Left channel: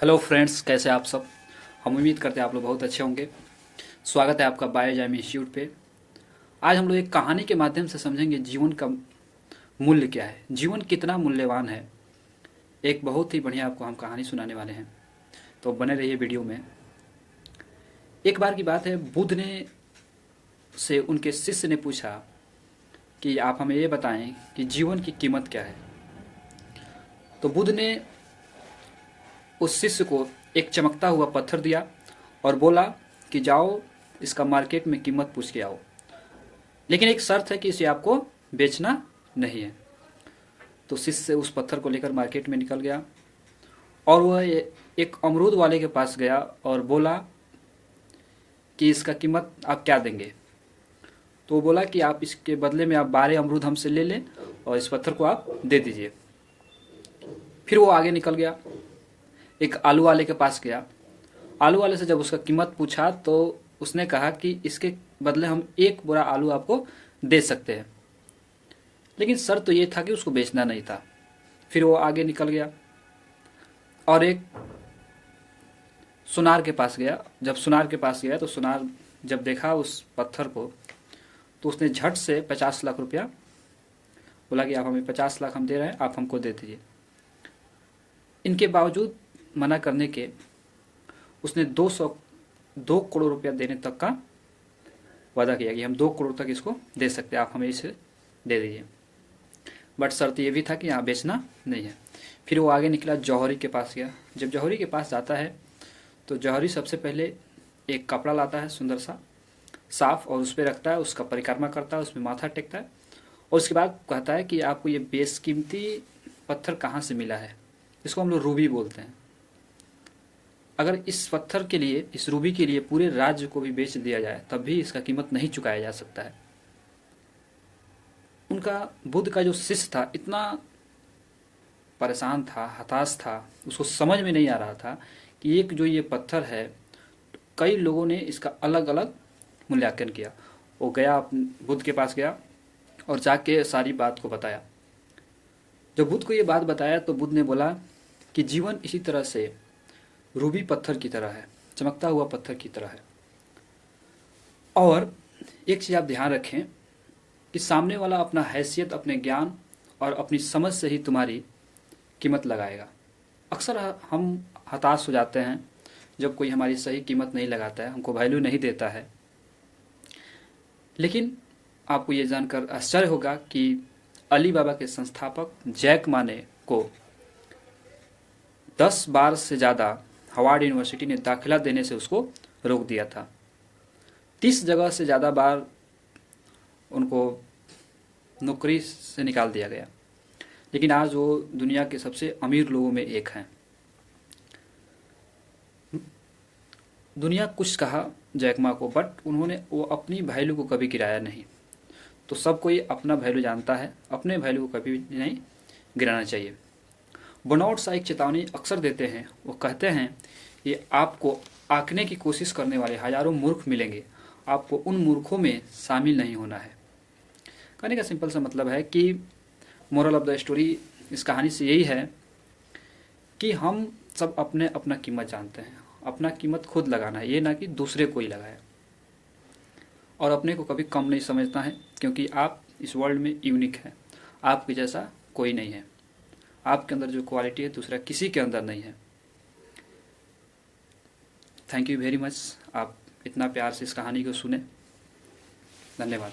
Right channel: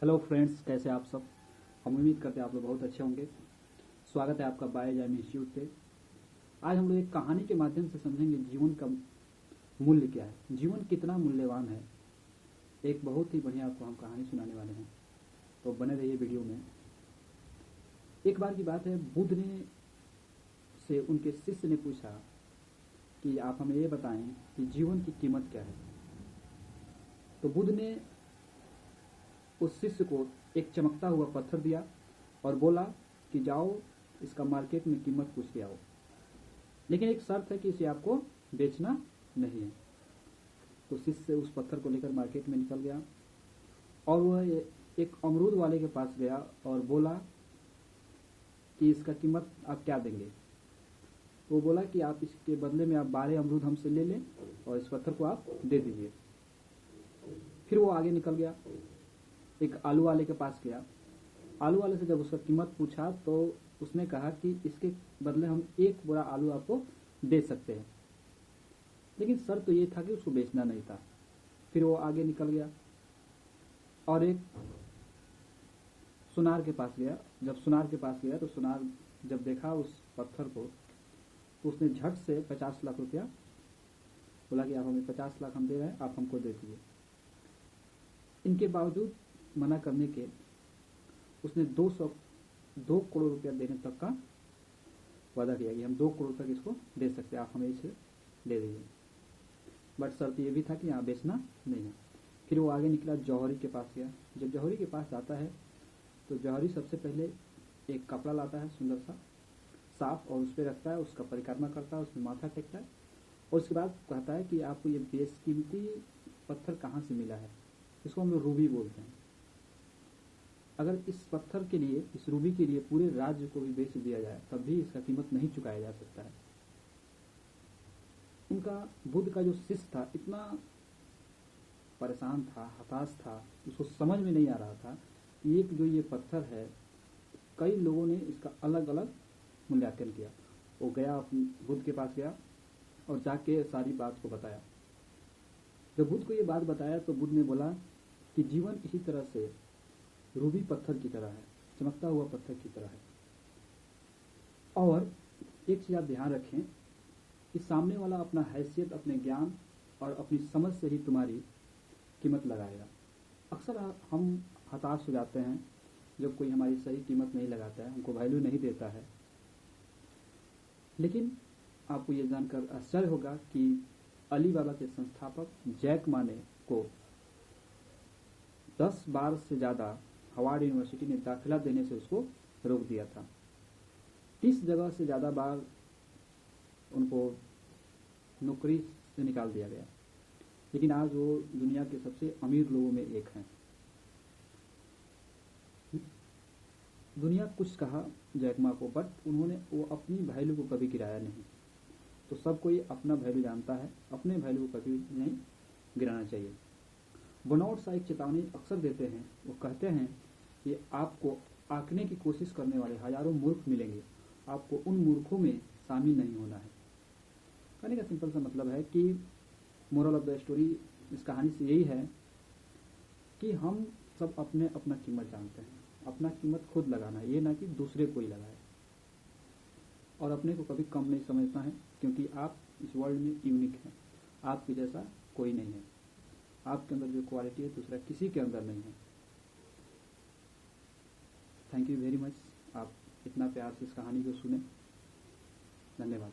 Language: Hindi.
हेलो फ्रेंड्स, कैसे आप सब। हम उम्मीद करते हैं आप लोग बहुत अच्छे होंगे। स्वागत है आपका बायोजाइम इंस्टीट्यूट पे। आज हम लोग एक कहानी के माध्यम से समझेंगे जीवन का मूल्य क्या है, जीवन कितना मूल्यवान है। एक बहुत ही बढ़िया आपको हम कहानी सुनाने वाले हैं, तो बने रहिए वीडियो में। एक बार की बात है, बुद्ध ने से उनके शिष्य ने पूछा कि आप हमें ये बताएं कि जीवन की कीमत क्या है। तो बुद्ध ने उस शिष्य को एक चमकता हुआ पत्थर दिया और बोला कि जाओ इसका मार्केट में कीमत पूछ के आओ, लेकिन एक शर्त है कि इसे आपको बेचना नहीं है। तो शिष्य उस पत्थर को लेकर मार्केट में निकल गया और वह एक अमरूद वाले के पास गया और बोला कि इसका कीमत आप क्या देंगे। तो वो बोला कि आप इसके बदले में आप 12 अमरूद हमसे ले लें और इस पत्थर को आप दे दीजिए। फिर वो आगे निकल गया, एक आलू वाले के पास गया। आलू वाले से जब उसका कीमत पूछा तो उसने कहा कि इसके बदले हम एक बोरा आलू आपको दे सकते हैं, लेकिन शर्त तो ये था कि उसको बेचना नहीं था। फिर वो आगे निकल गया और एक सुनार के पास गया। जब सुनार के पास गया तो सुनार जब देखा उस पत्थर को तो उसने झट से 50 लाख रुपया बोला कि आप हमें 50 लाख हम दे रहे हैं, आप हमको दे दीजिए। इनके बावजूद मना करने के उसने 2 करोड़ रुपया देने तक का वादा किया कि हम 2 करोड़ तक इसको दे सकते हैं, आप हमें इसे दे दीजिए। बट शर्त ये भी था कि यहाँ बेचना नहीं है। फिर वो आगे निकला, जौहरी के पास गया। जब जौहरी के पास जाता है तो जौहरी सबसे पहले एक कपड़ा लाता है सुंदर सा साफ और उस पर रखता है, उसका परिक्रमा करता है, उसमें माथा टेकता है और उसके बाद कहता है कि आपको ये बेशकीमती पत्थर कहाँ से मिला है। इसको हम लोग रूबी बोलते हैं। अगर इस पत्थर के लिए, इस रूबी के लिए पूरे राज्य को भी बेच दिया जाए तब भी इसका कीमत नहीं चुकाया जा सकता है। उनका बुद्ध का जो शिष्य था इतना परेशान था, हताश था, उसको समझ में नहीं आ रहा था कि एक जो ये पत्थर है, कई लोगों ने इसका अलग अलग मूल्यांकन किया। वो गया, बुद्ध के पास गया और जाके सारी बात को बताया। जब बुद्ध को ये बात बताया तो बुद्ध ने बोला कि जीवन इसी तरह से रूबी पत्थर की तरह है, चमकता हुआ पत्थर की तरह है। और एक चीज़ आप ध्यान रखें कि सामने वाला अपना हैसियत, अपने ज्ञान और अपनी समझ से ही तुम्हारी कीमत लगाएगा। अक्सर हम हताश हो जाते हैं जब कोई हमारी सही कीमत नहीं लगाता है, हमको वैल्यू नहीं देता है। लेकिन आपको ये जानकर आश्चर्य होगा कि अली बाबा के संस्थापक जैक मा ने को 10 बार से ज़्यादा हार्वर्ड यूनिवर्सिटी ने दाखिला देने से उसको रोक दिया था। 30 जगह से ज़्यादा बार उनको नौकरी से निकाल दिया गया, लेकिन आज वो दुनिया के सबसे अमीर लोगों में एक हैं। दुनिया कुछ कहा जैक मा को, बट उन्होंने वो अपनी वैल्यू को कभी गिराया नहीं। तो सब कोई अपना वैल्यू जानता है, अपने वैल्यू को कभी नहीं गिराना चाहिए। बर्नआउट सा एक चेतावनी अक्सर देते हैं। वो कहते हैं कि आपको आंकने की कोशिश करने वाले हजारों मूर्ख मिलेंगे, आपको उन मूर्खों में शामिल नहीं होना है। कहने का सिंपल सा मतलब है कि मोरल ऑफ द स्टोरी इस कहानी से यही है कि हम सब अपने अपना कीमत जानते हैं, अपना कीमत खुद लगाना है, ये ना कि दूसरे को ही लगाए। और अपने को कभी कम नहीं समझना है, क्योंकि आप इस वर्ल्ड में यूनिक हैं, आपके जैसा कोई नहीं है। आपके अंदर जो क्वालिटी है दूसरा किसी के अंदर नहीं है। थैंक यू वेरी मच, आप इतना प्यार से इस कहानी को सुने। धन्यवाद।